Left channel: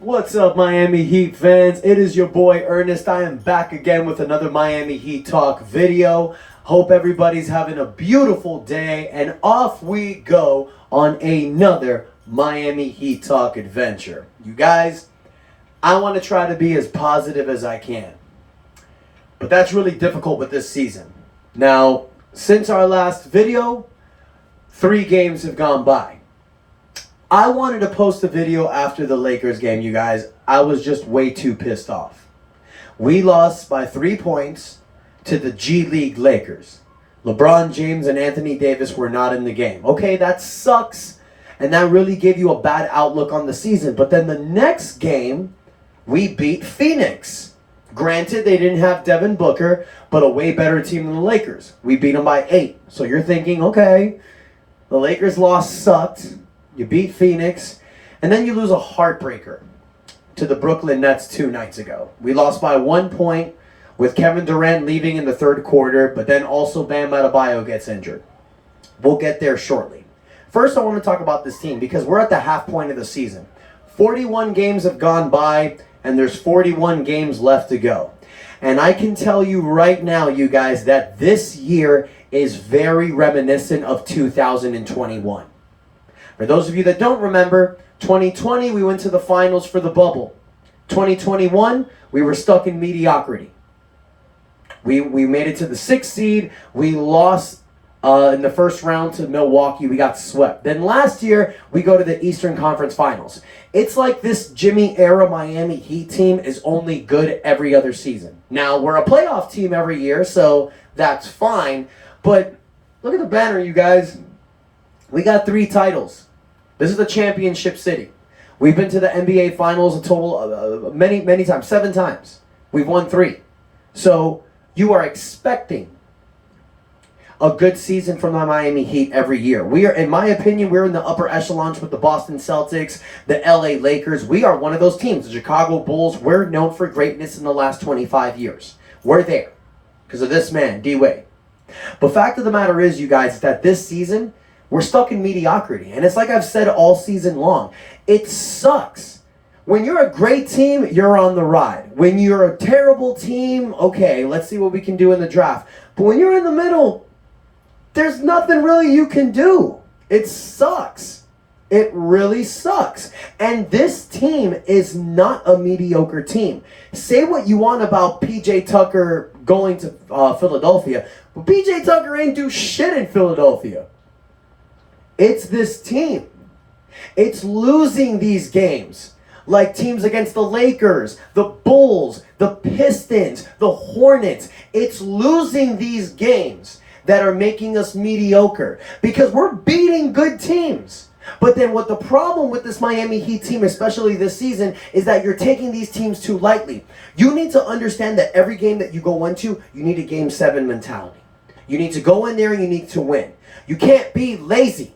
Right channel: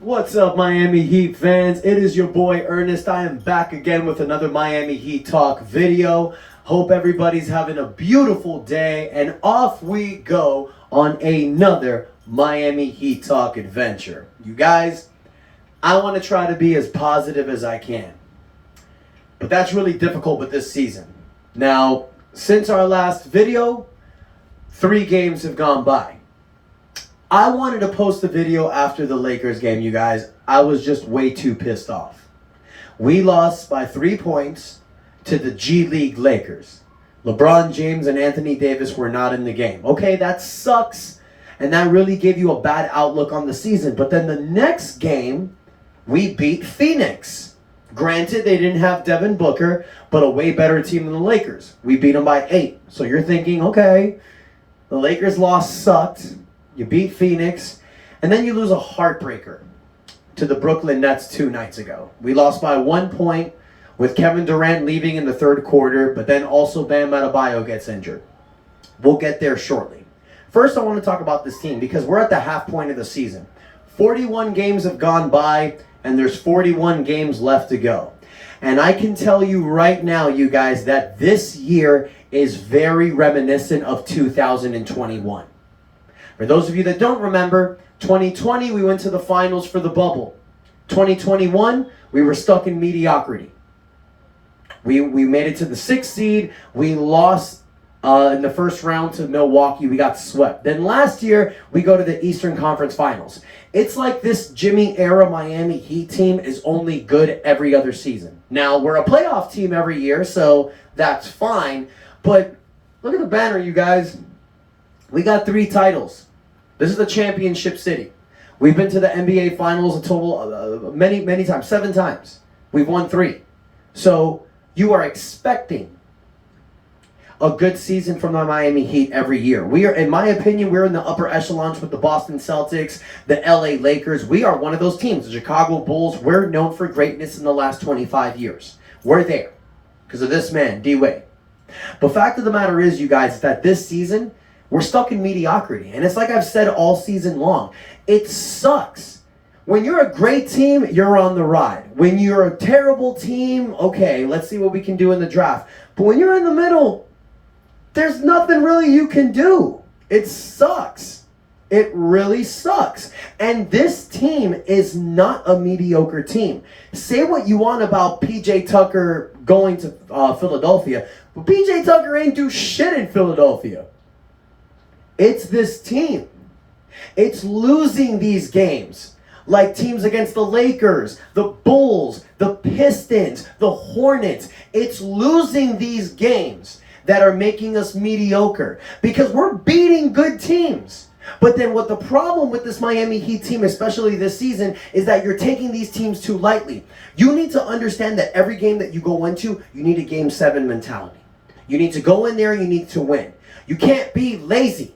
What's up, Miami Heat fans? It is your boy Ernest. I am back again with another Miami Heat Talk video. Hope everybody's having a beautiful day, and off we go on another Miami Heat Talk adventure. You guys, I want to try to be as positive as I can, but that's really difficult with this season. Now, since our last video, 3 games have gone by. I wanted to post a video after the Lakers game, you guys. I was just way too pissed off. We lost by 3 points to the G League Lakers. LeBron James and Anthony Davis were not in the game. Okay, that sucks, and that really gave you a bad outlook on the season. But then the next game, we beat Phoenix. Granted, they didn't have Devin Booker, but a way better team than the Lakers. We beat them by 8. So you're thinking, okay, the Lakers loss sucked. You beat Phoenix, and then you lose a heartbreaker to the Brooklyn Nets 2 nights ago. We lost by 1 point with Kevin Durant leaving in the third quarter, but then also Bam Adebayo gets injured. We'll get there shortly. First, I want to talk about this team because we're at the half point of the season. 41 games have gone by, and there's 41 games left to go. And I can tell you right now, you guys, that this year is very reminiscent of 2021. For those of you that don't remember, 2020, we went to the finals for the bubble. 2021, we were stuck in mediocrity. We made it to the 6th seed. We lost in the first round to Milwaukee. We got swept. Then last year, we go to the Eastern Conference Finals. It's like this Jimmy-era Miami Heat team is only good every other season. Now, we're a playoff team every year, so that's fine. But look at the banner, you guys. We got 3 titles. This is the championship city. We've been to the NBA Finals a total of many times, 7 times. We've won 3. So you are expecting a good season from the Miami Heat every year. We are, in my opinion, we're in the upper echelons with the Boston Celtics, the LA Lakers. We are one of those teams. The Chicago Bulls, we're known for greatness in the last 25 years. We're there because of this man, D-Wade. But fact of the matter is, you guys, that this season, we're stuck in mediocrity. And it's like I've said all season long. It sucks. When you're a great team, you're on the ride. When you're a terrible team, okay, let's see what we can do in the draft. But when you're in the middle, there's nothing really you can do. It sucks. It really sucks. And this team is not a mediocre team. Say what you want about P.J. Tucker going to Philadelphia, but P.J. Tucker ain't do shit in Philadelphia. It's this team. It's losing these games. Like teams against the Lakers, the Bulls, the Pistons, the Hornets. It's losing these games that are making us mediocre. Because we're beating good teams. But then what the problem with this Miami Heat team, especially this season, is that you're taking these teams too lightly. You need to understand that every game that you go into, you need a Game 7 mentality. You need to go in there and you need to win. You can't be lazy.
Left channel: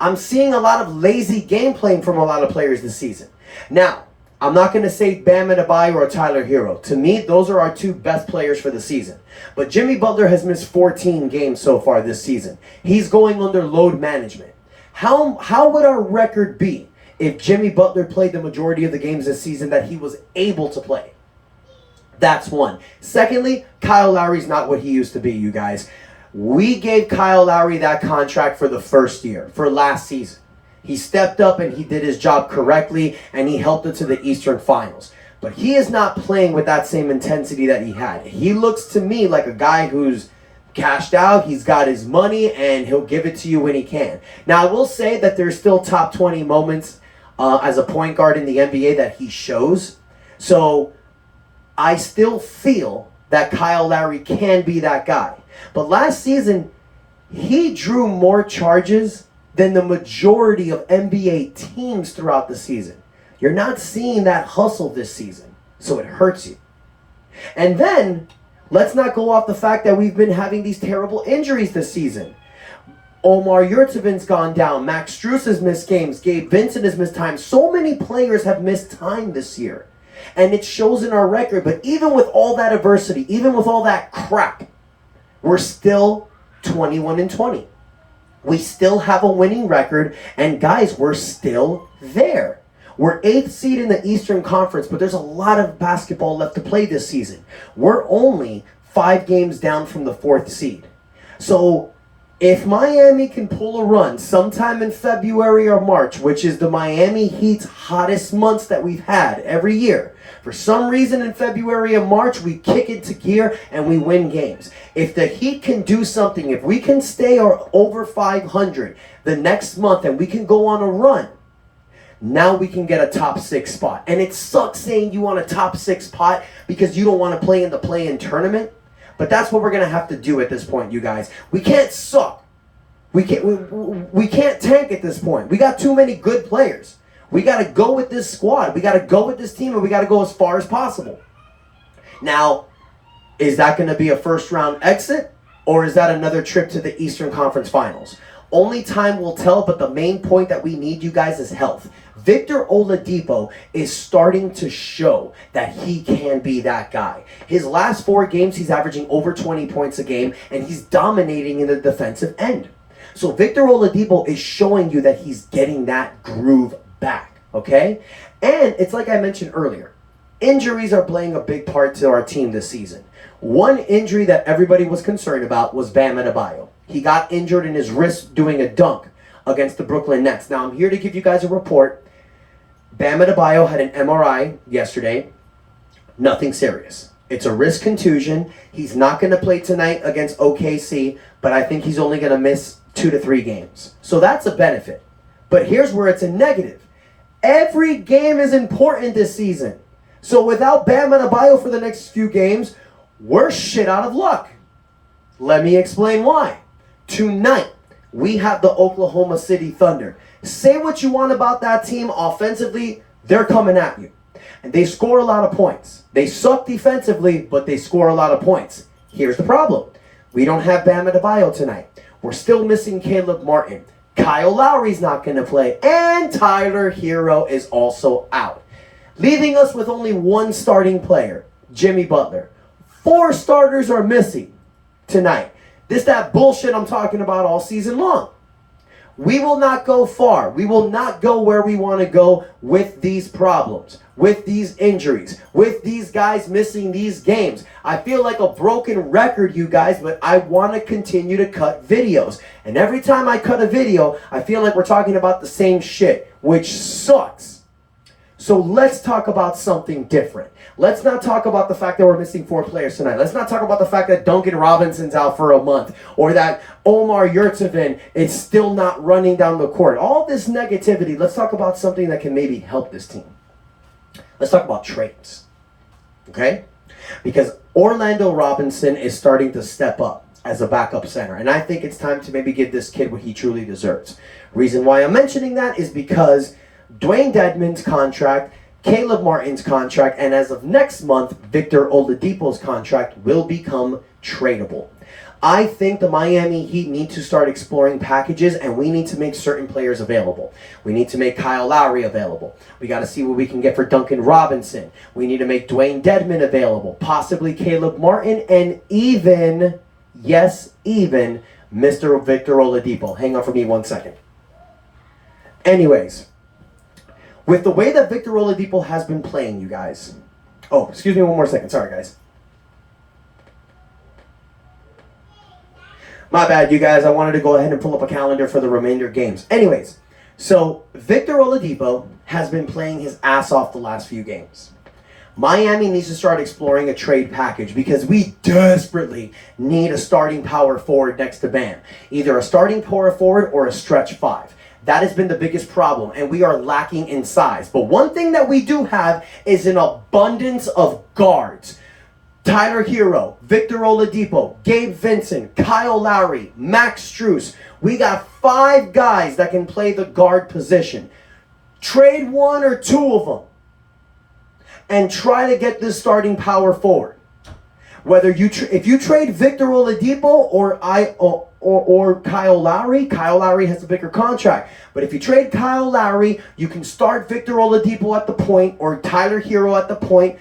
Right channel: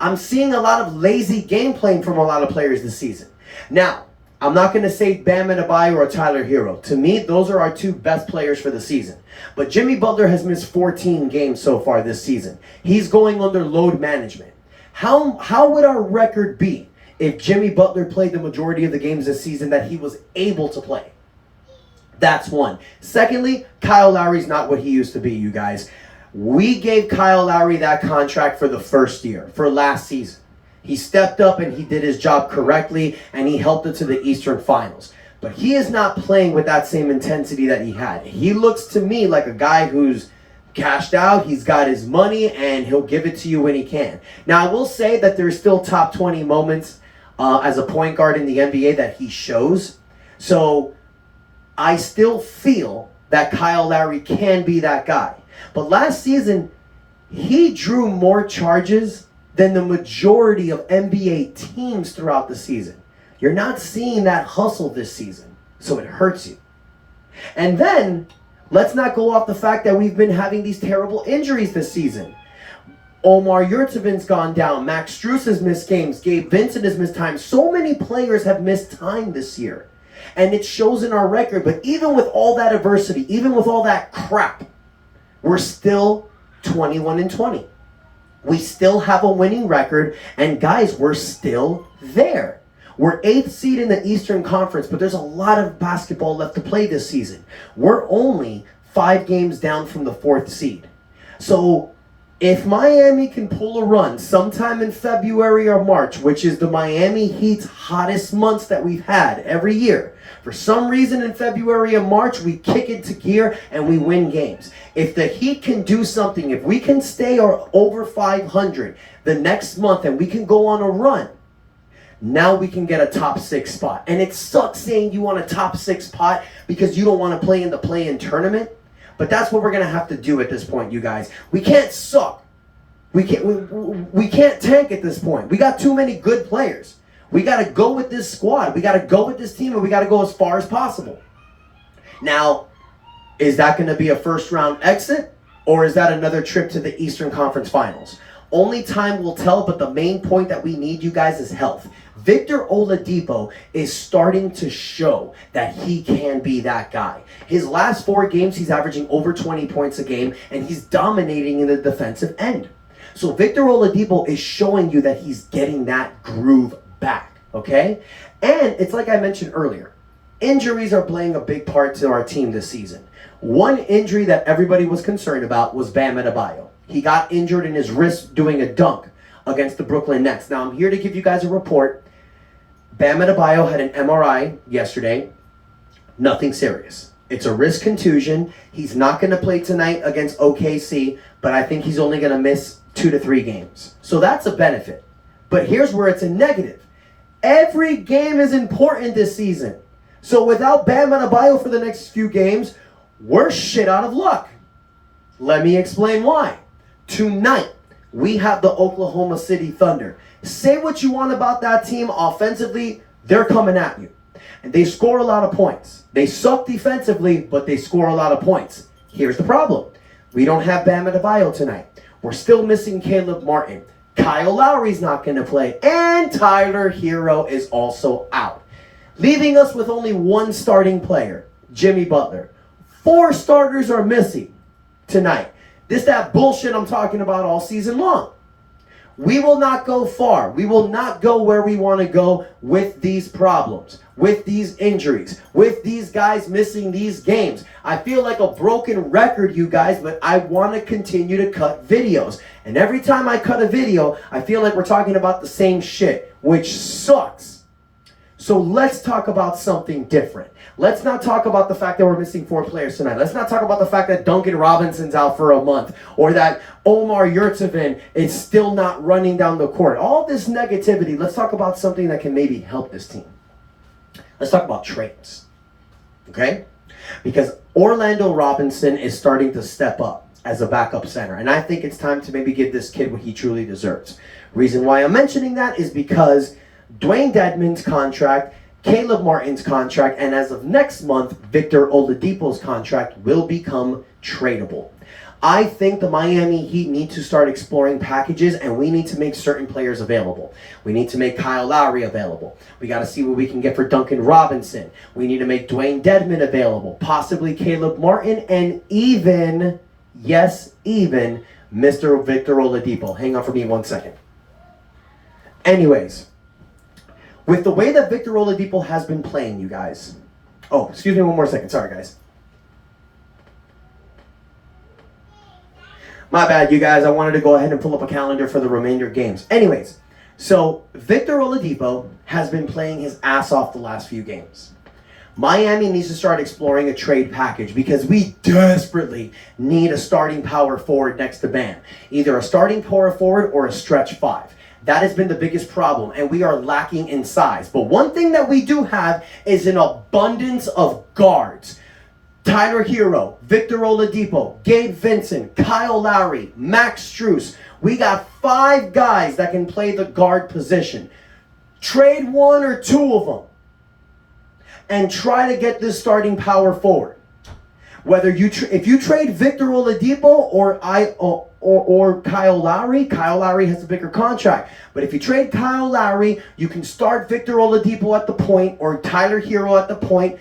I'm seeing a lot of lazy game playing from a lot of players this season. Now, I'm not going to say Bam Adebayo or Tyler Hero. To me, those are our 2 best players for the season. But Jimmy Butler has missed 14 games so far this season. He's going under load management. How would our record be if Jimmy Butler played the majority of the games this season that he was able to play? That's one. Secondly, Kyle Lowry's not what he used to be, you guys. We gave Kyle Lowry that contract for the first year, for last season. He stepped up and he did his job correctly, and he helped it to the Eastern Finals. But he is not playing with that same intensity that he had. He looks to me like a guy who's cashed out, he's got his money, and he'll give it to you when he can. Now, I will say that there's still top 20 moments as a point guard in the NBA that he shows. So I still feel that Kyle Lowry can be that guy. But last season, he drew more charges than the majority of NBA teams throughout the season. You're not seeing that hustle this season, so it hurts you. And then, let's not go off the fact that we've been having these terrible injuries this season. Omar Yurtseven's gone down. Max Strus has missed games. Gabe Vincent has missed time. So many players have missed time this year. And it shows in our record. But even with all that adversity, even with all that crap, we're still 21-20. We still have a winning record, and guys, we're still there. We're 8th seed in the Eastern Conference, but there's a lot of basketball left to play this season. We're only 5 games down from the 4th seed. So if Miami can pull a run sometime in February or March, which is the Miami Heat's hottest months that we've had every year, for some reason in February and March, we kick into gear and we win games. If the Heat can do something, if we can stay over 500 the next month and we can go on a run, now we can get a top 6 spot. And it sucks saying you want a top 6 spot because you don't want to play in the play-in tournament. But that's what we're going to have to do at this point, you guys. We can't suck. We can't tank at this point. We got too many good players. We got to go with this squad. We got to go with this team, and we got to go as far as possible. Now, is that going to be a first-round exit, or is that another trip to the Eastern Conference Finals? Only time will tell, but the main point that we need, you guys, is health. Victor Oladipo is starting to show that he can be that guy. His last 4 games, he's averaging over 20 points a game, and he's dominating in the defensive end. So Victor Oladipo is showing you that he's getting that groove back, okay? And it's like I mentioned earlier, injuries are playing a big part to our team this season. One injury that everybody was concerned about was Bam Adebayo. He got injured in his wrist doing a dunk against the Brooklyn Nets. Now I'm here to give you guys a report. Bam Adebayo had an MRI yesterday. Nothing serious. It's a wrist contusion. He's not going to play tonight against OKC, but I think he's only going to miss 2 to 3 games. So that's a benefit. But here's where it's a negative. Every game is important this season. So without Bam Adebayo for the next few games, we're shit out of luck. Let me explain why. Tonight, we have the Oklahoma City Thunder. Say what you want about that team offensively, they're coming at you. And they score a lot of points. They suck defensively, but they score a lot of points. Here's the problem. We don't have Bam Adebayo tonight. We're still missing Caleb Martin. Kyle Lowry's not going to play. And Tyler Hero is also out. Leaving us with only 1 starting player, Jimmy Butler. 4 starters are missing tonight. This that bullshit I'm talking about all season long. We will not go far. We will not go where we want to go with these problems, with these injuries, with these guys missing these games. I feel like a broken record, you guys, but I want to continue to cut videos. And every time I cut a video, I feel like we're talking about the same shit, which sucks. So let's talk about something different. Let's not talk about the fact that we're missing 4 players tonight. Let's not talk about the fact that Duncan Robinson's out for a month or that Omar Yurtseven is still not running down the court. All this negativity, let's talk about something that can maybe help this team. Let's talk about trades, okay? Because Orlando Robinson is starting to step up as a backup center, and I think it's time to maybe give this kid what he truly deserves. Reason why I'm mentioning that is because Dwayne Dedmon's contract, Caleb Martin's contract, and as of next month, Victor Oladipo's contract will become tradable. I think the Miami Heat need to start exploring packages, and we need to make certain players available. We need to make Kyle Lowry available. We got to see what we can get for Duncan Robinson. We need to make Dwayne Dedmon available, possibly Caleb Martin, and even, yes, even Mr. Victor Oladipo. Hang on for me 1 second. Anyways, with the way that Victor Oladipo has been playing, you guys. Oh, excuse me 1 more second. Sorry, guys. My bad, you guys. I wanted to go ahead and pull up a calendar for the remainder games. Anyways, so Victor Oladipo has been playing his ass off the last few games. Miami needs to start exploring a trade package because we desperately need a starting power forward next to Bam. Either a starting power forward or a stretch 5. That has been the biggest problem, and we are lacking in size. But one thing that we do have is an abundance of guards. Tyler Hero, Victor Oladipo, Gabe Vincent, Kyle Lowry, Max Strus. We got 5 guys that can play the guard position. Trade 1 or 2 of them and try to get this starting power forward. Whether if you trade Victor Oladipo or Kyle Lowry has a bigger contract. But if you trade Kyle Lowry, you can start Victor Oladipo at the point or Tyler Hero at the point.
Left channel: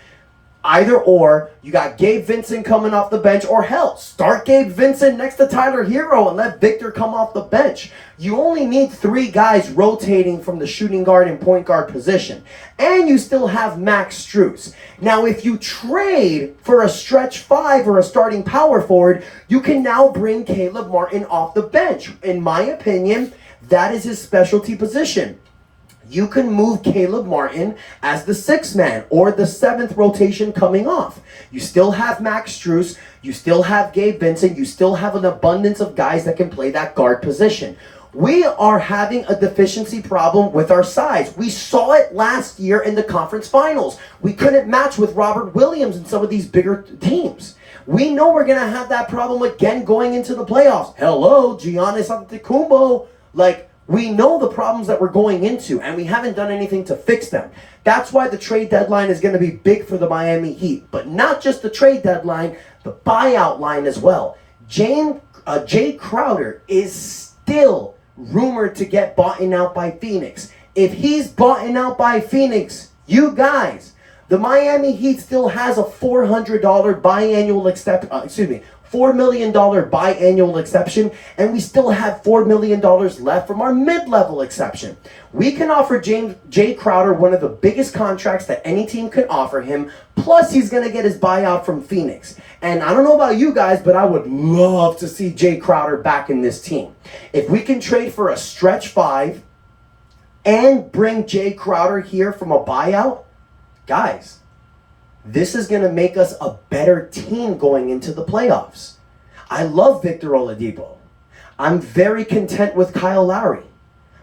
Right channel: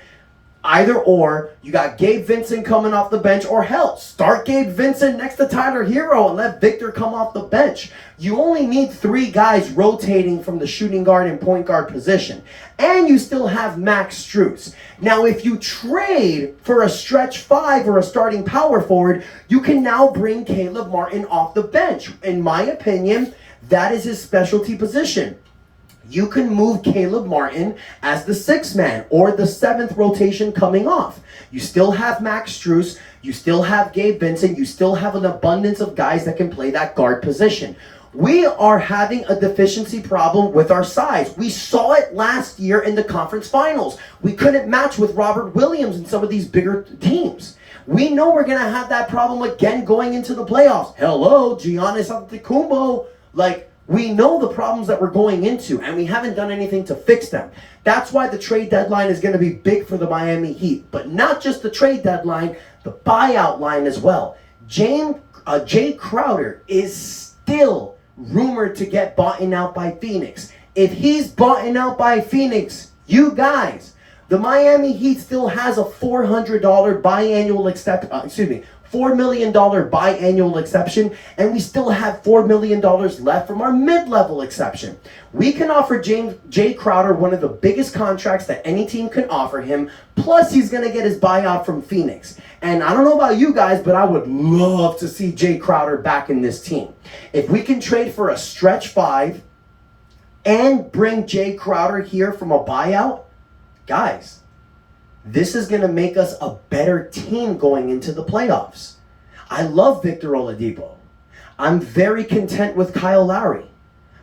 Either or, you got Gabe Vincent coming off the bench, or hell, start Gabe Vincent next to Tyler Hero and let Victor come off the bench. You only need 3 guys rotating from the shooting guard and point guard position. And you still have Max Strus. Now, if you trade for a stretch 5 or a starting power forward, you can now bring Caleb Martin off the bench. In my opinion, that is his specialty position. You can move Caleb Martin as the 6th man or the 7th rotation coming off. You still have Max Strus. You still have Gabe Vincent. You still have an abundance of guys that can play that guard position. We are having a deficiency problem with our size. We saw it last year in the conference finals. We couldn't match with Robert Williams and some of these bigger teams. We know we're going to have that problem again going into the playoffs. Hello, Giannis Antetokounmpo. We know the problems that we're going into, and we haven't done anything to fix them. That's why the trade deadline is going to be big for the Miami Heat. But not just the trade deadline, the buyout line as well. Jay Crowder is still rumored to get bought out by Phoenix. If he's bought out by Phoenix, you guys, the Miami Heat still has a $400 $4 million biannual exception, and we still have $4 million left from our mid-level exception. We can offer Jay Crowder one of the biggest contracts that any team can offer him, plus he's going to get his buyout from Phoenix. And I don't know about you guys, but I would love to see Jay Crowder back in this team. If we can trade for a stretch 5 and bring Jay Crowder here from a buyout, guys, this is going to make us a better team going into the playoffs. I love Victor Oladipo. I'm very content with Kyle Lowry.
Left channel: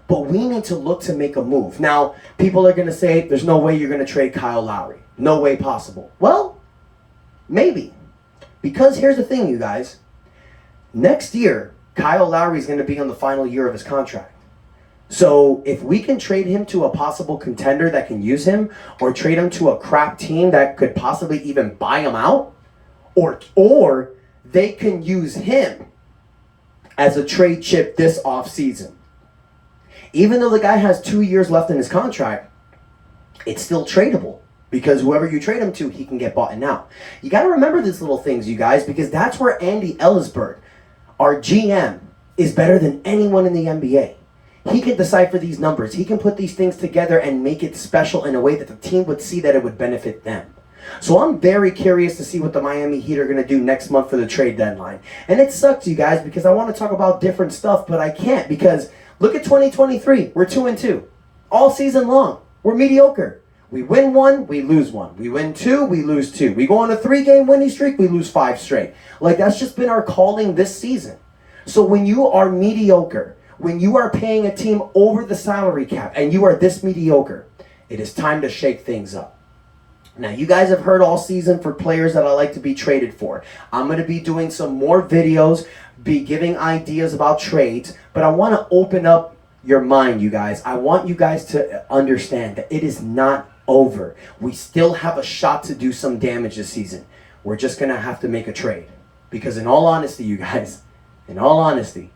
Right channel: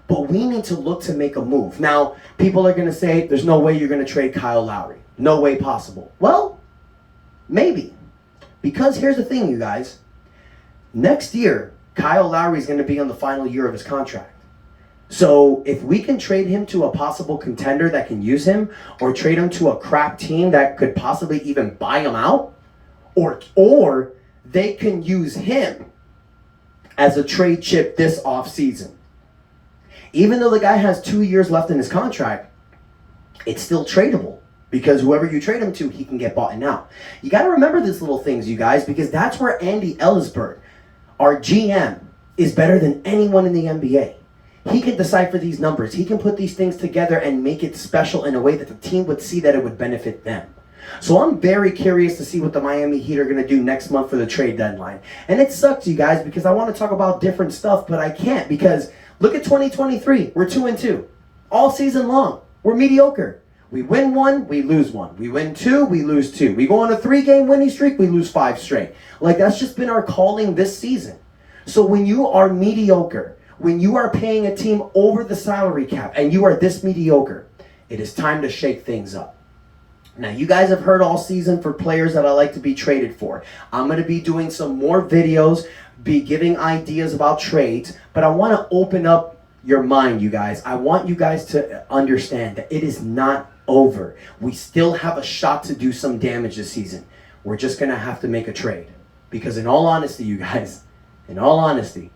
But we need to look to make a move. Now, people are going to say, there's no way you're going to trade Kyle Lowry. No way possible. Well, maybe. Because here's the thing, you guys. Next year, Kyle Lowry is going to be on the final year of his contract. So if we can trade him to a possible contender that can use him, or trade him to a crap team that could possibly even buy him out, or they can use him as a trade chip this offseason. Even though the guy has 2 years left in his contract, it's still tradable, because whoever you trade him to, he can get bought out. You got to remember these little things, you guys, because that's where Andy Ellisberg, our GM, is better than anyone in the NBA. He can decipher these numbers. He can put these things together and make it special in a way that the team would see that it would benefit them. So I'm very curious to see what the Miami Heat are going to do next month for the trade deadline. And it sucks, you guys, because I want to talk about different stuff, but I can't, because look at 2023. We're 2-2. All season long. We're mediocre. We win 1, we lose 1. We win 2, we lose 2. We go on a 3-game winning streak, we lose 5 straight. That's just been our calling this season. So when you are mediocre, when you are paying a team over the salary cap and you are this mediocre, it is time to shake things up. Now, you guys have heard all season for players that I like to be traded for. I'm going to be doing some more videos, be giving ideas about trades, but I want to open up your mind, you guys. I want you guys to understand that it is not over. We still have a shot to do some damage this season. We're just going to have to make a trade. Because in all honesty, you guys, in all honesty,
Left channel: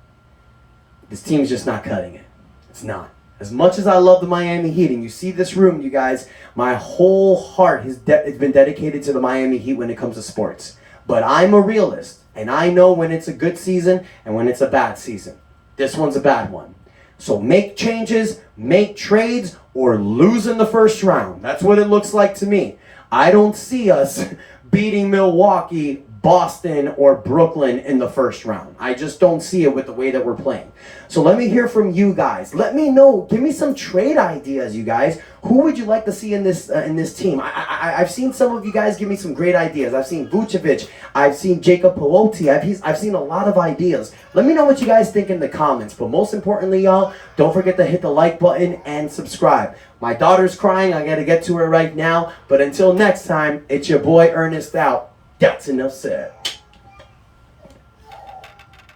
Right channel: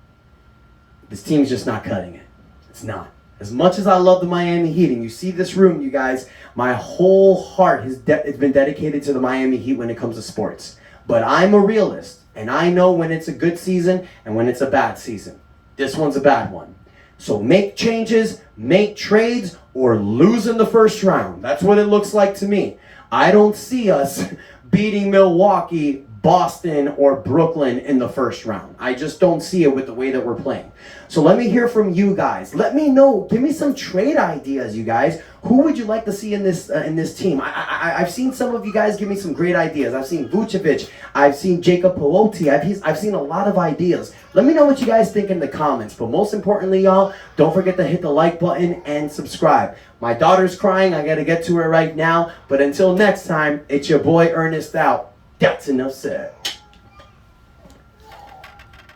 this team's just not cutting it. It's not. As much as I love the Miami Heat, and you see this room, you guys, my whole heart has been dedicated to the Miami Heat when it comes to sports. But I'm a realist, and I know when it's a good season and when it's a bad season. This one's a bad one. So make changes, make trades, or lose in the first round. That's what it looks like to me. I don't see us beating Milwaukee, Boston, or Brooklyn in the first round. I just don't see it with the way that we're playing. So let me hear from you guys. Let me know. Give me some trade ideas, you guys. Who would you like to see in this team? I've seen some of you guys give me some great ideas. I've seen Vucevic. I've seen Jacob Pelosi. I've seen a lot of ideas. Let me know what you guys think in the comments. But most importantly, y'all, don't forget to hit the like button and subscribe. My daughter's crying. I got to get to her right now. But until next time, it's your boy Ernest out. That's enough said.